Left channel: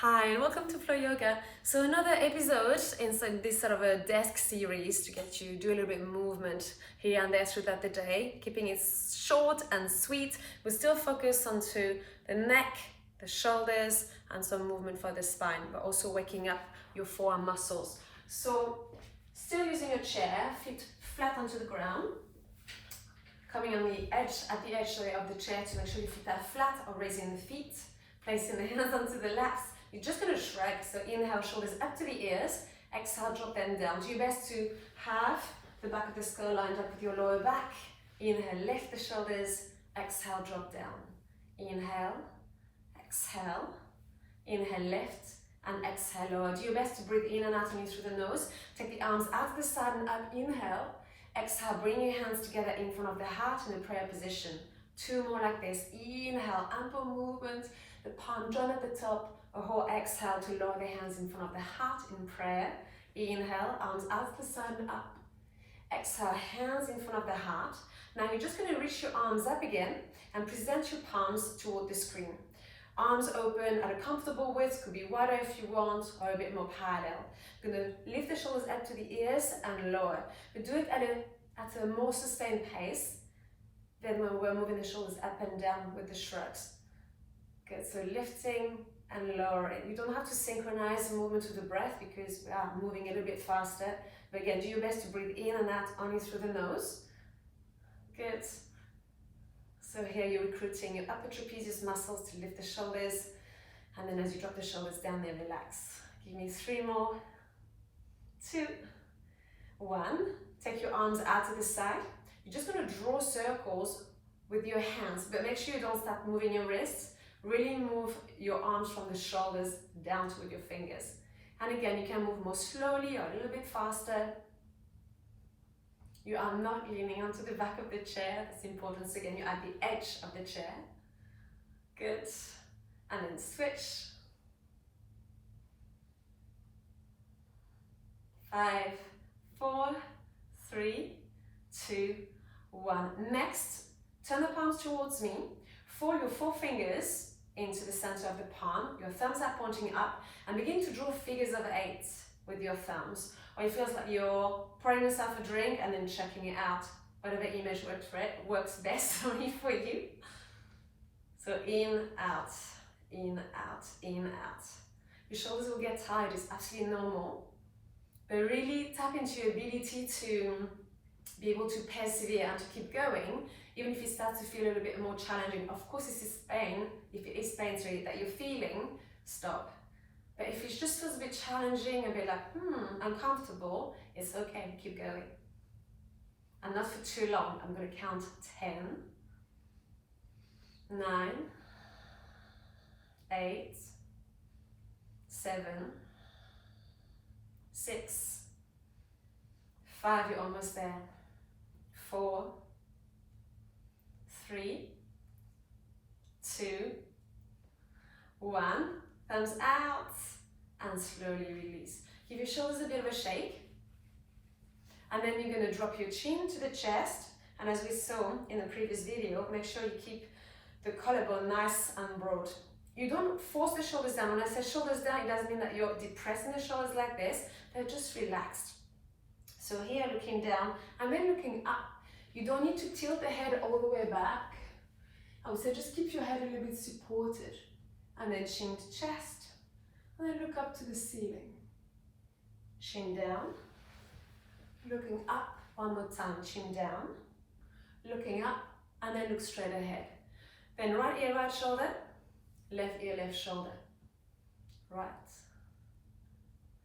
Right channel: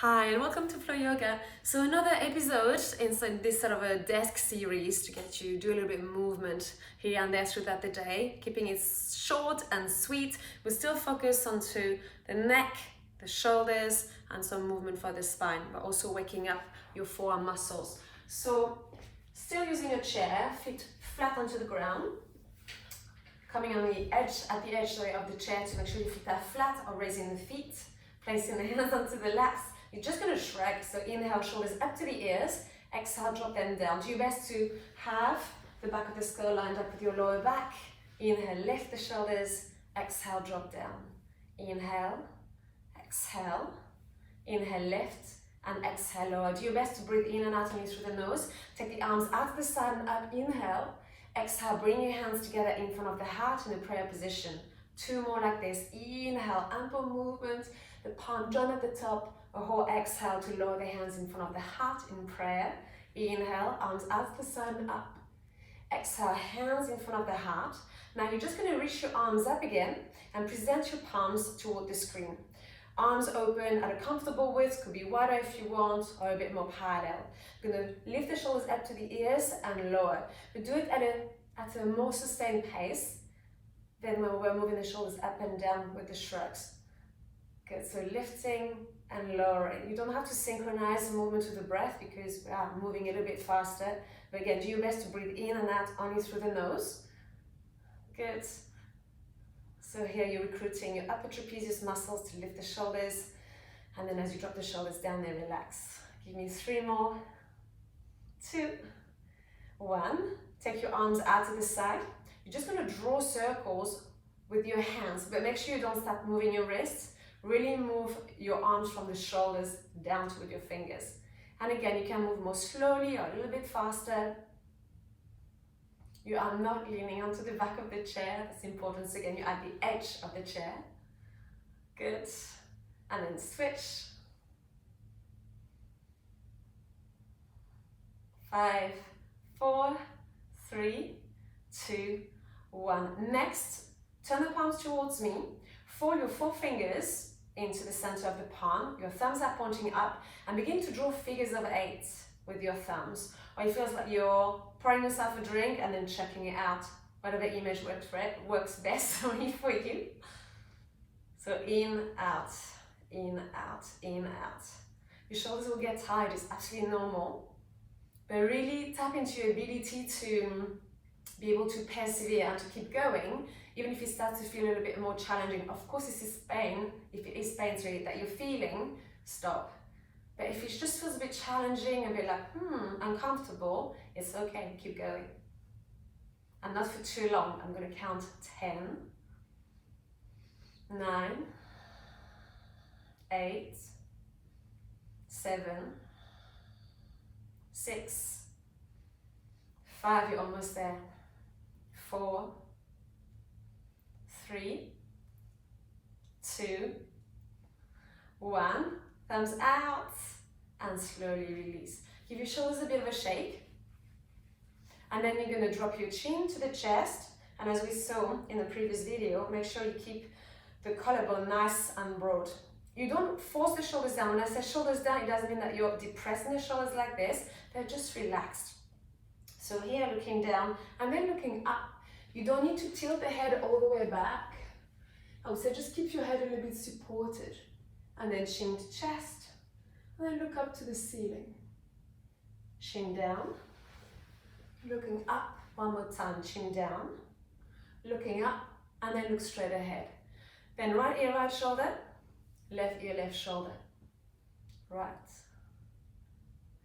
Hi and welcome to Flow Yoga. So another episode inside this sort of a desk series to get you do a little bit of movement here and there throughout the day, keeping it short and sweet. We still focus onto the neck, the shoulders, and some movement for the spine, but also waking up your forearm muscles. So still using your chair, feet flat onto the ground, coming on the edge, at the edge of the chair to make sure your feet are flat or raising the feet, placing the hands onto the laps. You're just going to shrug, so inhale, shoulders up to the ears, exhale, drop them down. Do your best to have the back of the skull lined up with your lower back. Inhale, lift the shoulders, exhale, drop down. Inhale, exhale, inhale, lift, and exhale, lower. Do your best to breathe in and out and in through the nose. Take the arms out to the side and up, inhale. Exhale, bring your hands together in front of the heart in a prayer position. Two more like this. Inhale, ample movement, the palm joint at the top. A whole exhale to lower the hands in front of the heart in prayer. Inhale, arms out to the side and up. Exhale, hands in front of the heart. Now you're just going to reach your arms up again and present your palms toward the screen. Arms open at a comfortable width, could be wider if you want, or a bit more parallel. You're going to lift the shoulders up to the ears and lower. But do it at a more sustained pace than when we're moving the shoulders up and down with the shrugs. Good, so lifting and lowering. You don't have to synchronize the movement to the breath because we are moving a little bit faster. But again, do your best to breathe in and out only through the nose. Good. So here you're recruiting your upper trapezius muscles to lift the shoulders. And then as you drop the shoulders down, they relax. Give me 3 more. 2, 1. Take your arms out to the side. You're just going to draw circles with your hands, but make sure you don't start moving your wrists. Really move your arms from the shoulders down with your fingers. And again, you can move more slowly or a little bit faster. You are not leaning onto the back of the chair. That's important. So again, you're at the edge of the chair. Good. And then switch. 5, 4, 3, 2, 1. Next, turn the palms towards me. Fold your 4 fingers into the center of the palm. Your thumbs are pointing up and begin to draw figures of 8 with your thumbs. Or it feels like you're pouring yourself a drink and then checking it out. Whatever image works best for you. So in, out, in, out, in, out. Your shoulders will get tired, it's absolutely normal. But really tap into your ability to be able to persevere and to keep going, even if it starts to feel a little bit more challenging. Of course, if it is pain that you're feeling, stop. But if it just feels a bit challenging, a bit like, uncomfortable, it's okay, keep going. And not for too long. I'm going to count 10, 9, 8, 7, 6, 5, you're almost there. 4, 3, 2, 1. Thumbs out and slowly release. Give your shoulders a bit of a shake. And then you're going to drop your chin to the chest. And as we saw in the previous video, make sure you keep the collarbone nice and broad. You don't force the shoulders down. When I say shoulders down, it doesn't mean that you're depressing the shoulders like this. They're just relaxed. So here, looking down and then looking up. You don't need to tilt the head all the way back. I would say just keep your head a little bit supported. And then chin to chest. And then look up to the ceiling. Chin down. Looking up. One more time. Chin down. Looking up. And then look straight ahead. Then right ear, right shoulder. Left ear, left shoulder. Right.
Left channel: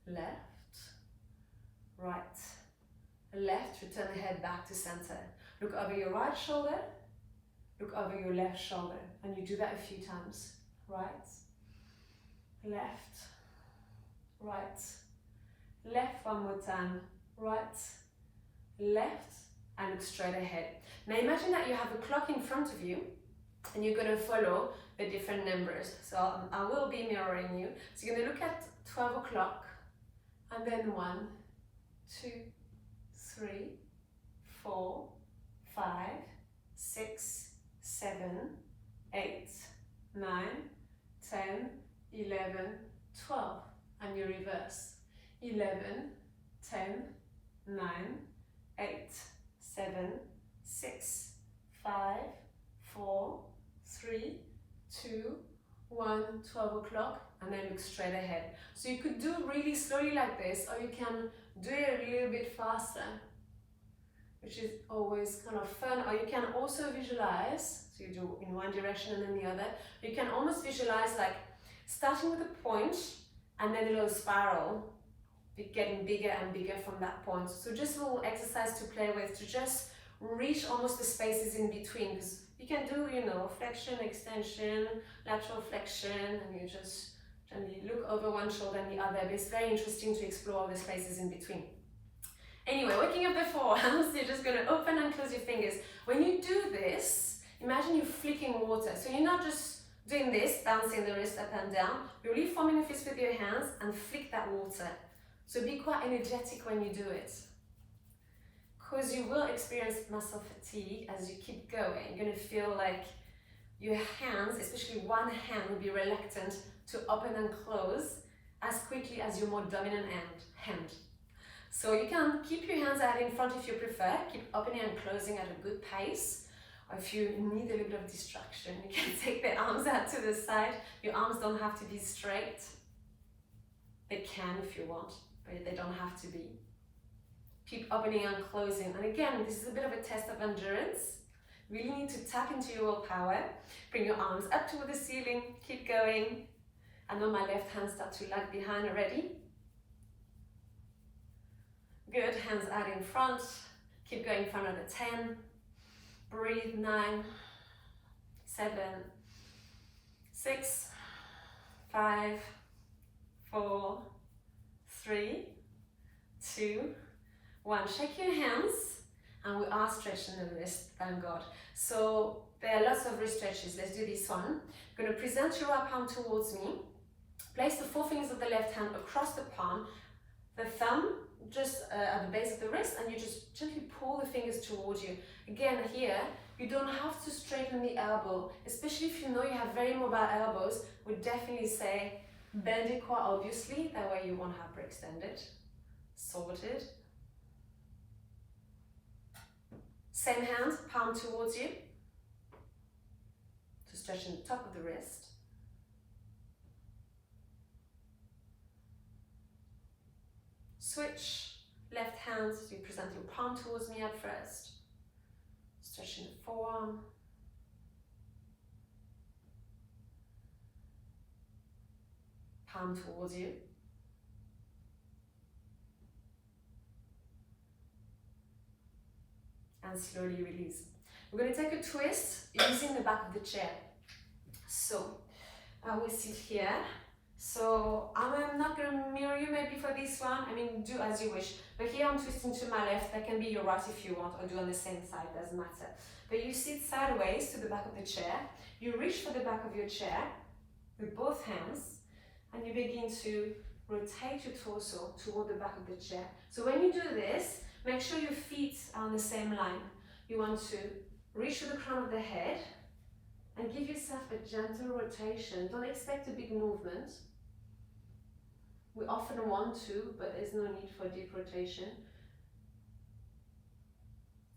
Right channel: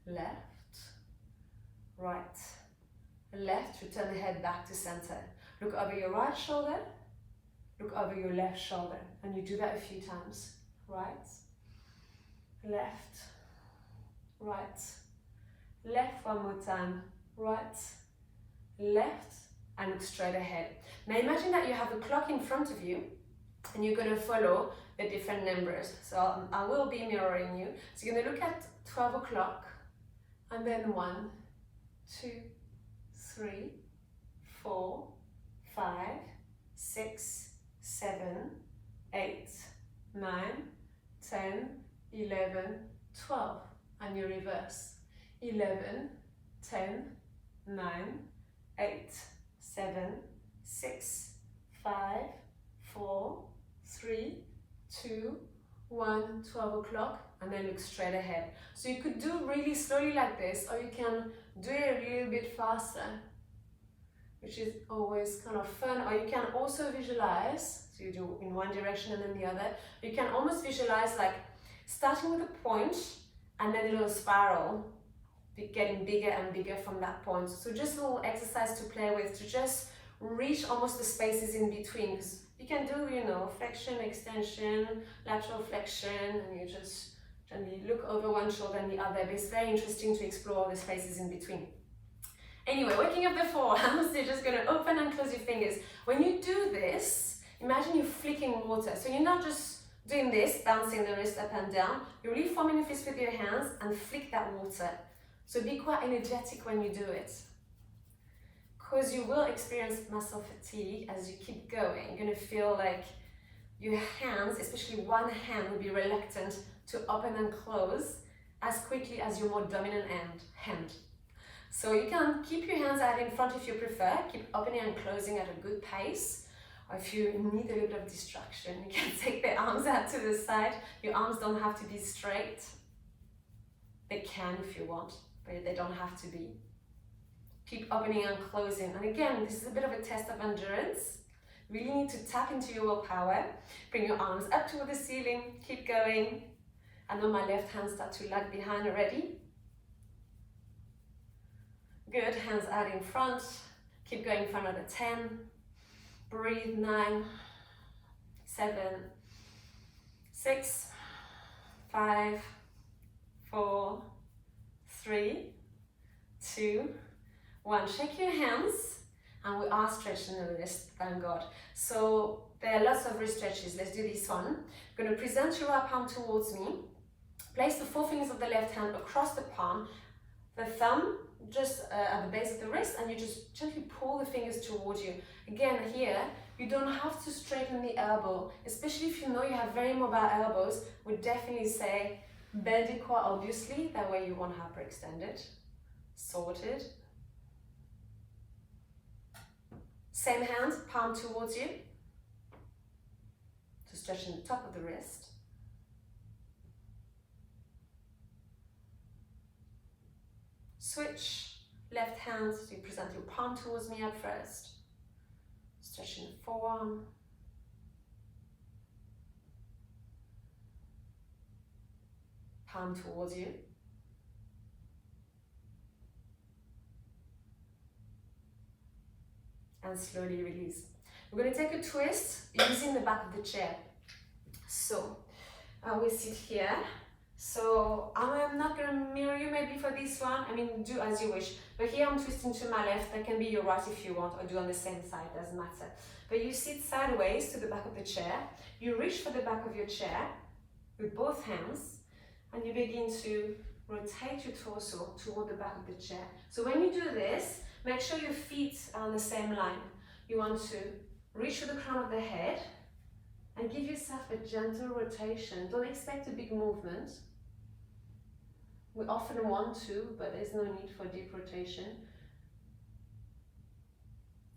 Left. Right. Left, return the head back to center. Look over your right shoulder, look over your left shoulder. And you do that a few times. Right, left, right, left, one more time. Right, left, and look straight ahead. Now imagine that you have a clock in front of you and you're going to follow the different numbers. So I will be mirroring you. So you're going to look at 12 o'clock and then 1, 2, 3, 4, 5, 6, 7, 8, 9, 10, 11, 12, and you reverse. 11, 10, 9, 8, 7, 6, 5, 4, 3, 2, 1, 12 o'clock, and then look straight ahead. So you could do really slowly like this, or you can do it a little bit faster, which is always kind of fun. Or you can also visualize, so you do in one direction and then the other, but you can almost visualize like starting with a point and then a little spiral, getting bigger and bigger from that point. So just a little exercise to play with, to just reach almost the spaces in between, because you can do, you know, flexion, extension, lateral flexion, and you just gently look over one shoulder and the other. But it's very interesting to explore the spaces in between. Anyway, waking up the forearms, you're just going to open and close your fingers. When you do this, imagine you're flicking water. So you're not just doing this, bouncing the wrist up and down. You're really forming a fist with your hands and flick that water. So be quite energetic when you do it, because you will experience muscle fatigue as you keep going. You're going to feel like your hands, especially one hand, will be reluctant to open and close as quickly as your more dominant hand. So you can keep your hands out in front if you prefer, keep opening and closing at a good pace. Or if you need a little bit of distraction, you can take the arms out to the side. Your arms don't have to be straight. They can if you want, but they don't have to be. Keep opening and closing. And again, this is a bit of a test of endurance. Really need to tap into your willpower. Bring your arms up toward the ceiling. Keep going. I know my left hand starts to lag behind already. Good, hands out in front. Keep going for another 10. Breathe, 9, 7, 6, 5, 4, 3, 2, 1. Shake your hands, and we are stretching the wrist, thank God. So there are lots of wrist stretches. Let's do this one. I'm going to present your right palm towards me. Place the forefingers of the left hand across the palm, the thumb just at the base of the wrist, and you just gently pull the fingers towards you. Again, here, you don't have to straighten the elbow, especially if you know you have very mobile elbows. Would definitely say bend your core, obviously, that way you won't hyperextend it. Sorted. Same hand, palm towards you, to stretch in the top of the wrist. Switch, left hand, so you present your palm towards me at first. Stretching the forearm. Palm towards you. And slowly release. We're going to take a twist using the back of the chair. So, we sit here. So I'm not going to mirror you maybe for this one. I mean, do as you wish. But here I'm twisting to my left. That can be your right if you want, or do on the same side, doesn't matter. But you sit sideways to the back of the chair. You reach for the back of your chair with both hands, and you begin to rotate your torso toward the back of the chair. So when you do this, make sure your feet are on the same line. You want to reach for the crown of the head and give yourself a gentle rotation. Don't expect a big movement. We often want to, but there's no need for deep rotation.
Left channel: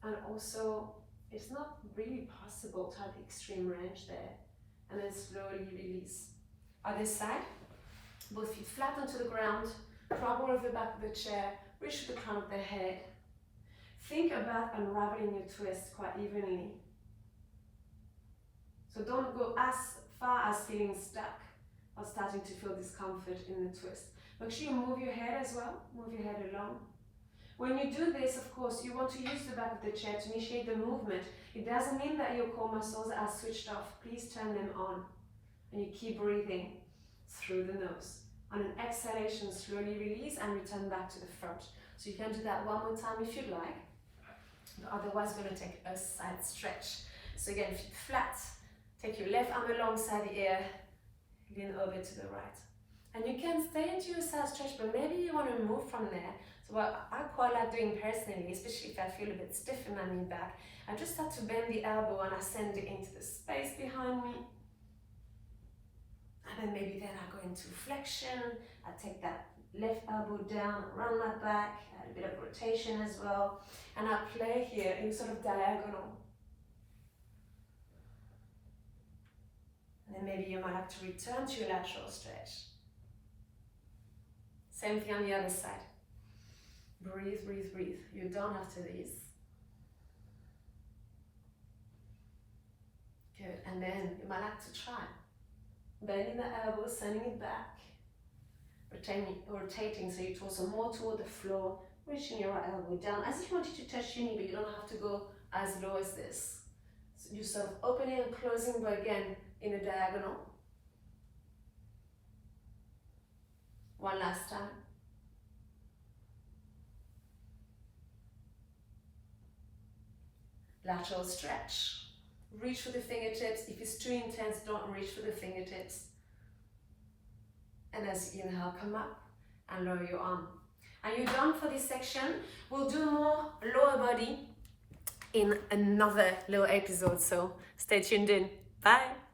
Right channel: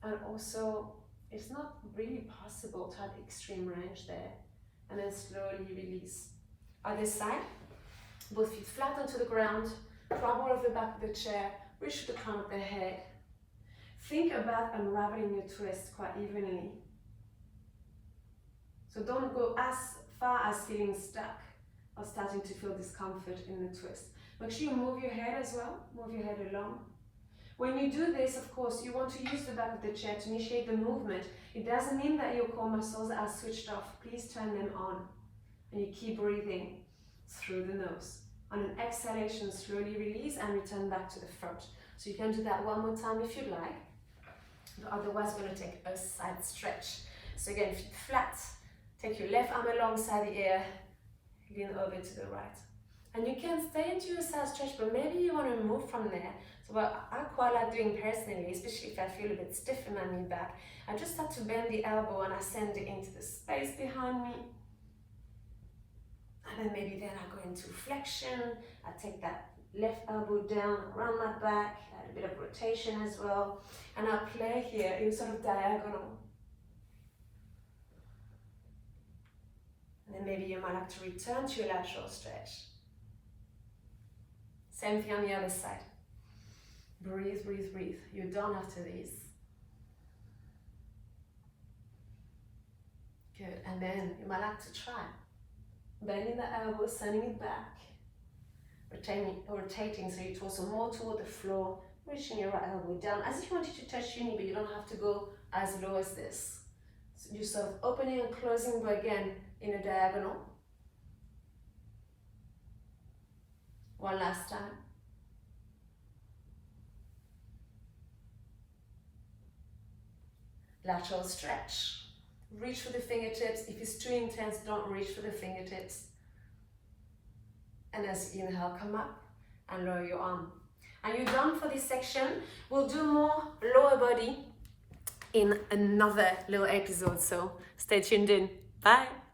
And also, it's not really possible to have extreme range there. And then slowly release. Other side, both feet flat onto the ground, crumble over the back of the chair, reach for the crown of the head. Think about unraveling your twist quite evenly. So don't go as far as feeling stuck or starting to feel discomfort in the twist. Make sure you move your head as well, move your head along. When you do this, of course, you want to use the back of the chair to initiate the movement. It doesn't mean that your core muscles are switched off. Please turn them on. And you keep breathing through the nose. On an exhalation, slowly release and return back to the front. So you can do that one more time if you'd like. But otherwise, we're going to take a side stretch. So again, feet flat. Take your left arm alongside the ear. Lean over to the right. And you can stay into your side stretch, but maybe you want to move from there. So what I quite like doing personally, especially if I feel a bit stiff in my mid back, I just start to bend the elbow and I send it into the space behind me. And then maybe then I go into flexion. I take that left elbow down around my back, add a bit of rotation as well. And I play here in sort of diagonal. And then maybe you might have to return to your lateral stretch. Same thing on the other side. Breathe, breathe, breathe. You're done after these. Good, and then you might like to try. Bending the elbow, sending it back. Rotating so your torso more toward the floor, reaching your right elbow down, as if you wanted to touch your knee, but you don't have to go as low as this. So you're sort of opening and closing, but again, in a diagonal. One last time. Lateral stretch. Reach for the fingertips. If it's too intense, don't reach for the fingertips. And as you inhale, come up and lower your arm. And you're done for this section. We'll do more lower body in another little episode, so stay tuned in. Bye.